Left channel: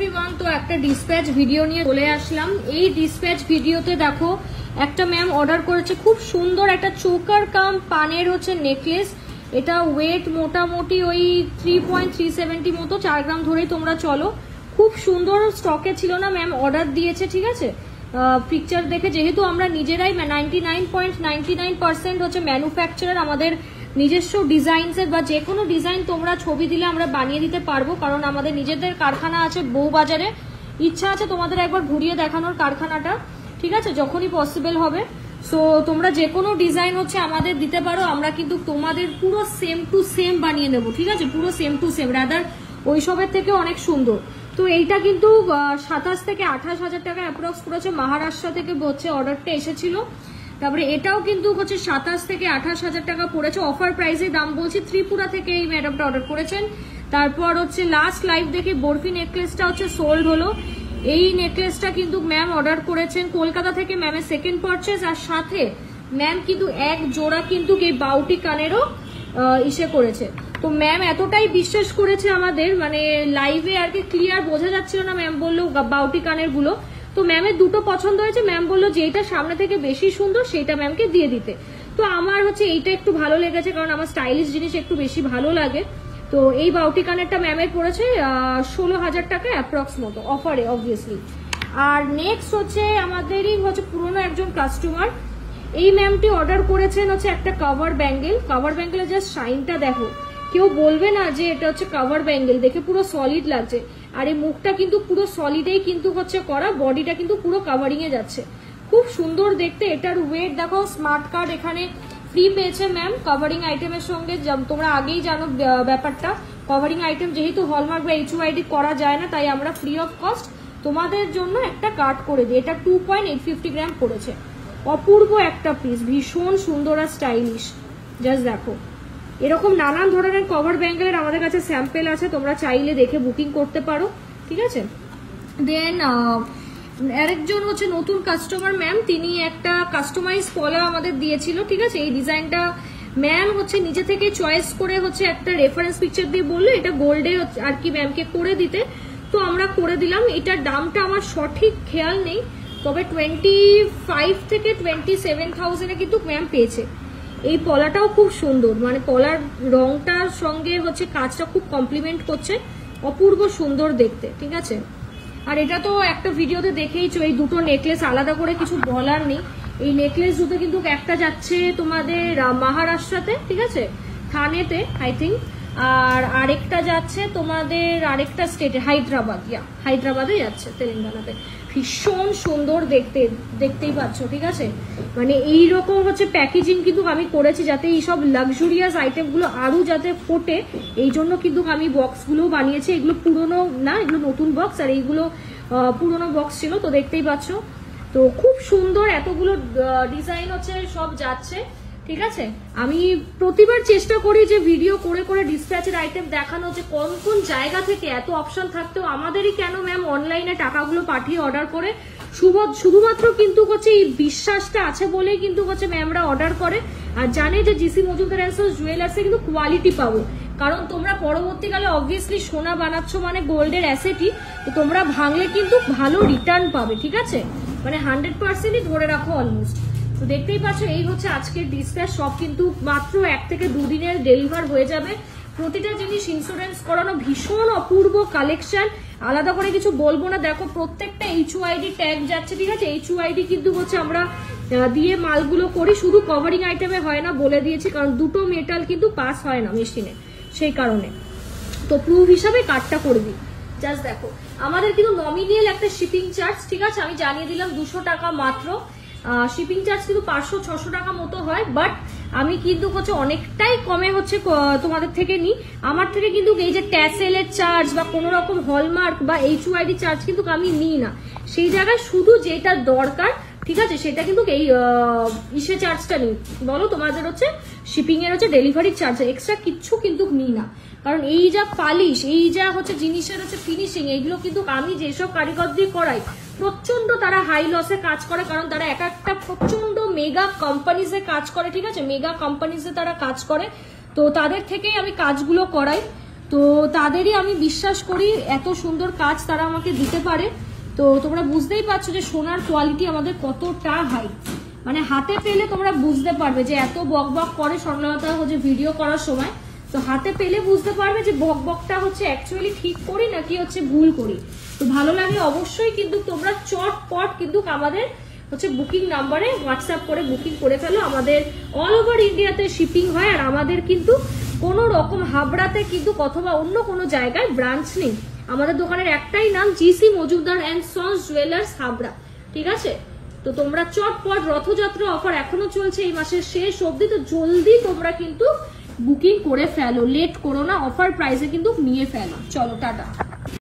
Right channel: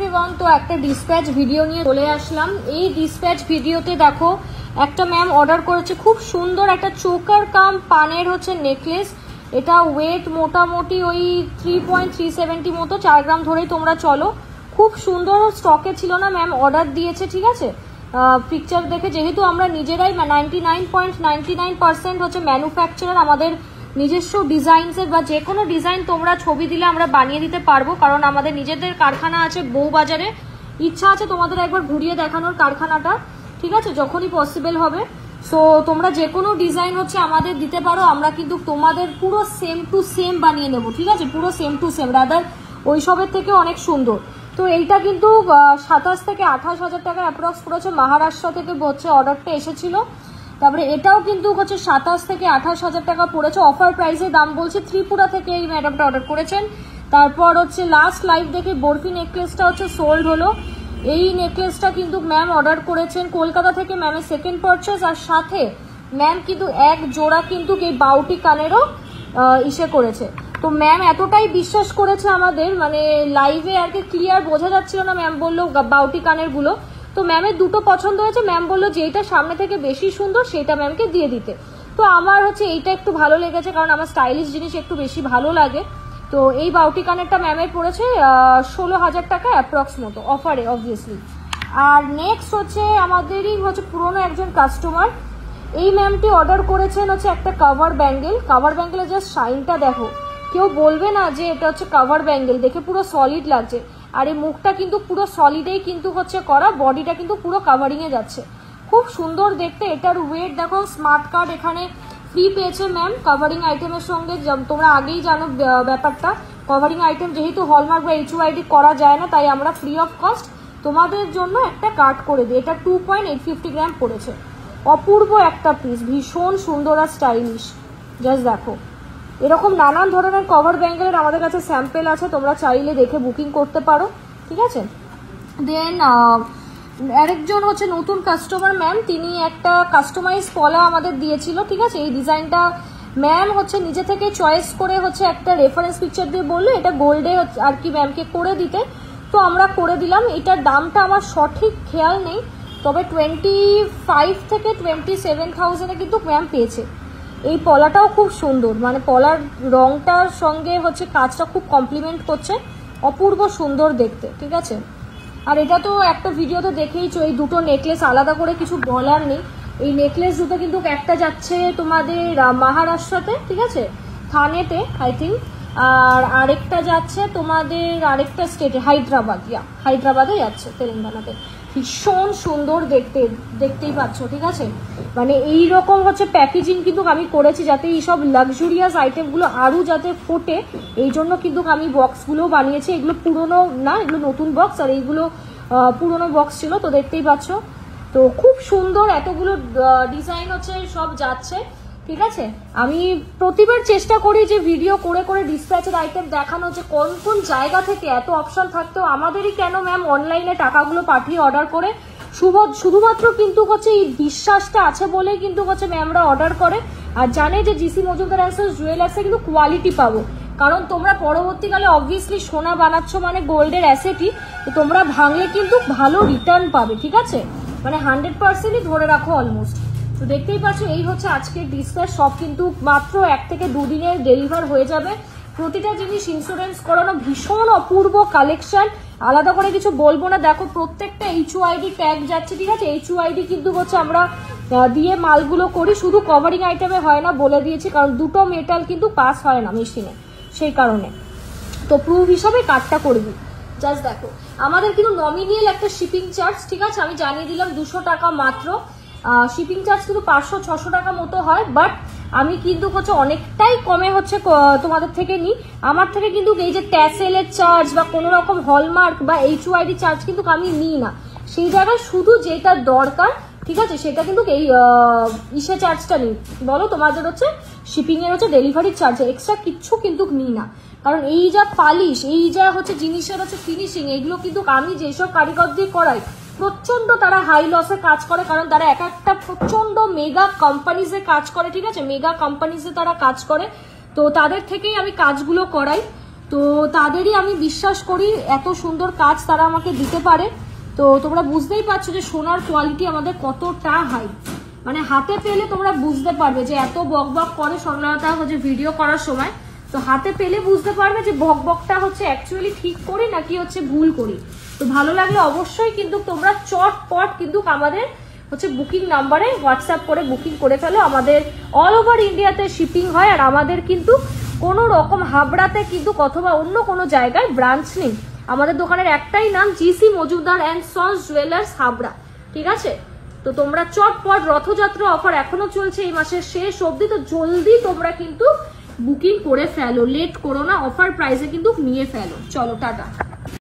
Everyone, তো একটা dispatch video নিয়ে চলে আসলাম। এই ডিসপ্যাচ ভিডিওতে দেখো একটা ম্যাম অর্ডার করেছে খুব সুন্দর একটা চোকার কাম পানের হচ্ছে নেকলেস। এটা ওয়েট মোটামুটি ওই 3.370 মতো, 4 গ্রাম ধরেই তোমরা চলো। খুব সুন্দর, স্টকে ছিল না, ম্যাম অর্ডার দিয়েছে, ঠিক আছে। পিকচার দেখে যেহেতু আমরা নিজেরাই 99.99% হচ্ছে ম্যানুফ্যাকচারার, আমাদের নিজস্ব ডিজাইনসের বা যে কোনো ডিজাইন তোমরা ছবি দিলে আমরা বানিয়ে দিতে পারবো, কারণ আমাদের নিজেদের কারখানা আছে বউবাজারে। ইচ্ছা আছে তোমাদের একবার ঘুরিয়ে দেখানোর কারখানাটা, ঠিক আছে, যখনই পসিবল হবে। সো তোমরা যে কোনো ডিজাইন হচ্ছে আমাদের দিতে পারো, আমরা কিন্তু তোমাদের পুরো সেম টু সেম বানিয়ে নেবো, ঠিক আছে, পুরো সেম টু সেম, রাদার ওইসবের থেকে অনেক সুন্দর। তো এইটা কিন্তু 27 থেকে 28 হাজার টাকা অ্যাপ্রক্স পড়েছে, মহারাষ্ট্র থেকে হচ্ছে অর্ডারটা এসেছিল। তারপরে এটাও কিন্তু হচ্ছে 27 থেকে 28 হাজার টাকা পড়েছে, অফার প্রাইসে দাম বলছি। ত্রিপুরা থেকে এই ম্যাডামটা অর্ডার করেছেন। তারপর হচ্ছে লাস্ট লাইভ দেখে বরফি নেকলেসটা হচ্ছে সোল্ড হলো। এই নেকলেসটা কিন্তু ম্যাম অর্ডার করেছেন কলকাতা থেকে, ম্যামের সেকেন্ড পারচেজ। আর সাথে ম্যাম কিন্তু এক জোড়া কিন্তু এই বাউটি কানেরও ইসে করেছে। তো ম্যাম এতটাই বিশ্বাস করেছে আমাদের, মানে লাইভে আর কি ক্লিয়ার বোঝা যাচ্ছিল না, ম্যাম বললো বাউটি কানের গুলো। তো ম্যামের দুটো পছন্দ হয়েছে, ম্যাম বললো যে এইটা সামনে থেকে বেশি সুন্দর সেটা ম্যামকে দিয়ে দিতে। তো আমার হচ্ছে এইটা একটু ভালো লেগেছে, কারণ আমার স্টাইলিশ জিনিস একটু বেশি ভালো লাগে। তো এই বাউটি কানেরটা ম্যামের পড়েছে 16 হাজার টাকা অ্যাপ্রক্স মতো, অফারে অবভিয়াসলি। আর নেক্সট হচ্ছে আমাদেরই হচ্ছে পুরোনো একজন কাস্টমার, এই ম্যামটি অর্ডার করেছেন হচ্ছে একটা কাভার ব্যাঙ্গেল। কাভার ব্যাঙ্গেলের জাস্ট শাইনটা দেখো, কেউ বলবে না যে এটা হচ্ছে কাভার ব্যাঙ্গেল, দেখে পুরো সলিড লাগছে। আর এই মুখটা কিন্তু পুরো সলিডেই কিন্তু হচ্ছে করা, বডিটা কিন্তু পুরো কাভারিং এ যাচ্ছে, খুব সুন্দর দেখতে। এটার ওয়েট দেখো, স্মার্ট কার্ড এখানে ফ্রি পেয়েছে ম্যাম কাভারিং আইটেমের সঙ্গে। তোমরা আগেই জানো ব্যাপারটা, কাভারিং আইটেম যেহেতু হলমার্ক বা HUID করা যায় না, তাই আমরা ফ্রি অফ কস্ট তোমাদের জন্য একটা কার্ড করে দিই। এটা 2.850 গ্রাম পড়েছে, অপূর্ব একটা পিস, ভীষণ সুন্দর আর স্টাইলিশ। জাস্ট দেখো, এরকম নানান ধরনের কভার ব্যাঙ্গেলের আমাদের কাছে স্যাম্পেল আছে, তোমরা চাইলে দেখে বুকিং করতে পারো, ঠিক আছে। দেন আরেকজন হচ্ছে নতুন কাস্টমার ম্যাম, তিনি একটা কাস্টমাইজ পলা আমাদের দিয়েছিল, ঠিক আছে। এই ডিজাইনটা ম্যাম হচ্ছে নিজে থেকে চয়েস করে হচ্ছে একটা রেফারেন্স পিকচার দিয়ে বললো এটা গোল্ডে আর কি ম্যামকে করে দিতে, তো আমরা করে দিলাম। এটার দামটা আমার সঠিক খেয়াল নেই, তবে 25 থেকে 27,000 কিন্তু ম্যাম পেয়েছে। এই পলাটাও খুব সুন্দর, মানে পলার রংটার সঙ্গে হচ্ছে কাজটা খুব কমপ্লিমেন্ট করছে, অপূর্ব সুন্দর দেখতে, ঠিক আছে। আর এটা তো একটা ভিডিওতে দেখেইছো, এই দুটো নেকলেস আলাদা করে কিছু বলার নেই। এই নেকলেস দুটো কিন্তু একটা যাচ্ছে তোমাদের মহারাষ্ট্রতে, ঠিক আছে, থানেতে আই থিঙ্ক, আর আরেকটা যাচ্ছে তোমাদের আরেকটা স্টেটে, হায়দ্রাবাদে যাচ্ছে, তেলেঙ্গানাতে। ভীষণ সুন্দর দেখতে, দেখতেই পাচ্ছ, ঠিক আছে। মানে এইরকম হচ্ছে প্যাকেজিং কিন্তু আমি করেছি, যাতে এইসব লাক্সুরিয়াস আইটেমগুলো আরো যাতে ফোটে, এই জন্য কিন্তু আমি বক্সগুলো বানিয়েছি। এগুলো পুরনো না, এগুলো নতুন বক্স, আর এইগুলো পুরনো বক্স ছিল, তো দেখতেই পাচ্ছ। তো খুব সুন্দর এতগুলো ডিজাইন হচ্ছে সব যাচ্ছে, ঠিক আছে। আমি প্রতিবার চেষ্টা করি যে ভিডিও করে করে ডিসপ্যাচের আইটেম দেখানো, যে কোন কোন জায়গা থেকে এত অপশন থাকতেও আমাদেরই কেন ম্যাম অনলাইনে টাকাগুলো পাঠিয়ে অর্ডার করে। শুধুমাত্র কিন্তু হচ্ছে এই বিশ্বাসটা আছে বলেই কিন্তু হচ্ছে ম্যামরা অর্ডার করে, আর জানে যে জিসি মজুমদার অ্যান্ড সন্স জুয়েলার্সে কিন্তু কোয়ালিটি পাবো। কারণ তোমরা পরবর্তীকালে অবভিয়াসলি সোনা বানাচ্ছ মানে গোল্ডের অ্যাসেটই, তো তোমরা ভাঙলে কিন্তু ভালো রিটার্ন পাবে, ঠিক আছে, মানে 100%ই ধরে রাখো অলমোস্ট। তো দেখতেই পাচ্ছ, এই হচ্ছে আজকের ডিসপ্যাচ। সব কিন্তু মাত্র 1 থেকে 2 দিনের ডেলিভার হয়ে যাবে। প্রতিটা জিনিস ইন্স্যুরেন্স করানো, ভীষণ অপূর্ব কালেকশন, আলাদা করে কিছু বলবো না। দেখো প্রত্যেকটা HUID ট্যাগ যাচ্ছে, ঠিক আছে। HUID কিন্তু হচ্ছে আমরা দিয়ে মালগুলো করি, শুধু কভারিং আইটেমে হয় না, বলে দিয়েছি, কারণ দুটো মেটাল কিন্তু পাস হয় না মেশিনে, সেই কারণে। তো প্রুফ হিসাবে কার্ডটা করে দিই। জাস্ট দেখো, আমাদের কিন্তু নমিনিয়াল একটা শিপিং চার্জ, ঠিক আছে, আমি জানিয়ে দিলাম 200 টাকা মাত্র। শিপিং চার্জ কিন্তু 500-600 টাকা মতো হয়, বাট আমি কিন্তু হচ্ছে অনেকটাই কমে হচ্ছে তোমাদের থেকে নিই। আমার থেকে কিন্তু এই যে ট্যাসেলের চার্জ বা কোনো রকম হলমার্ক বা HUID চার্জ কিন্তু আমি নিই না, সেই জায়গায় শুধু যেটা দরকার, ঠিক আছে, সেটা কিন্তু এই ইসে চার্জটা নিই। বলো তোমাদের হচ্ছে শিপিং এর হচ্ছে ডেলিভারি চার্জ, এক্সট্রা কিচ্ছু কিন্তু নিই না। কারণ এই যা পালিশ, এই যা হচ্ছে জিনিসের হচ্ছে ফিনিশিং, এগুলো কিন্তু আমি যেসব কারিগর দিয়ে করাই, প্রচন্ড তারা হাই লসে কাজ করে, কারণ তারা এক একটা প্রচন্ড মেগা কোম্পানিজে কাজ করে, ঠিক আছে, মেগা কোম্পানিজে তারা কাজ করে, তো তাদের থেকেই আমি কাজগুলো করাই। তো তাদেরই আমি বিশ্বাস করি, এত সুন্দর কাজ তারা আমাকে দিতে পারে। তো তোমরা বুঝতেই পারছো যে সোনার কোয়ালিটি আমাদের কতটা হাই, মানে হাতে পেলে তোমরা বুঝতে পারবে যে এত বকবক করে স্বর্ণলতা হচ্ছে ভিডিও করার সময়, তো হাতে পেলে বুঝতে পারবে যে বকবকটা হচ্ছে অ্যাকচুয়ালি ঠিক করি নাকি হচ্ছে ভুল করি। তো ভালো লাগলে অবশ্যই কিন্তু তোমরা চটপট কিন্তু আমাদের হচ্ছে বুকিং নাম্বারে হোয়াটসঅ্যাপ করে বুকিং করে ফেলো। আমাদের অল ওভার ইন্ডিয়াতে শিপিং হয়, আর আমাদের কিন্তু কোনো রকম হাবড়াতে কিন্তু অথবা অন্য কোনো জায়গায় ব্রাঞ্চ নেই। আমাদের দোকানের একটাই নাম, GC Majumdar and sons jewellers Habra, ঠিক আছে? তো তোমরা চটপট, রথযাত্রা অফার এখনো চলছে এই মাসের শেষ অবধি, তো জলদি তোমরা কিন্তু বুকিং করে ফেলো, লেট করো না, অফার প্রাইসে কিন্তু নিয়ে ফেলো। চলো টাটা।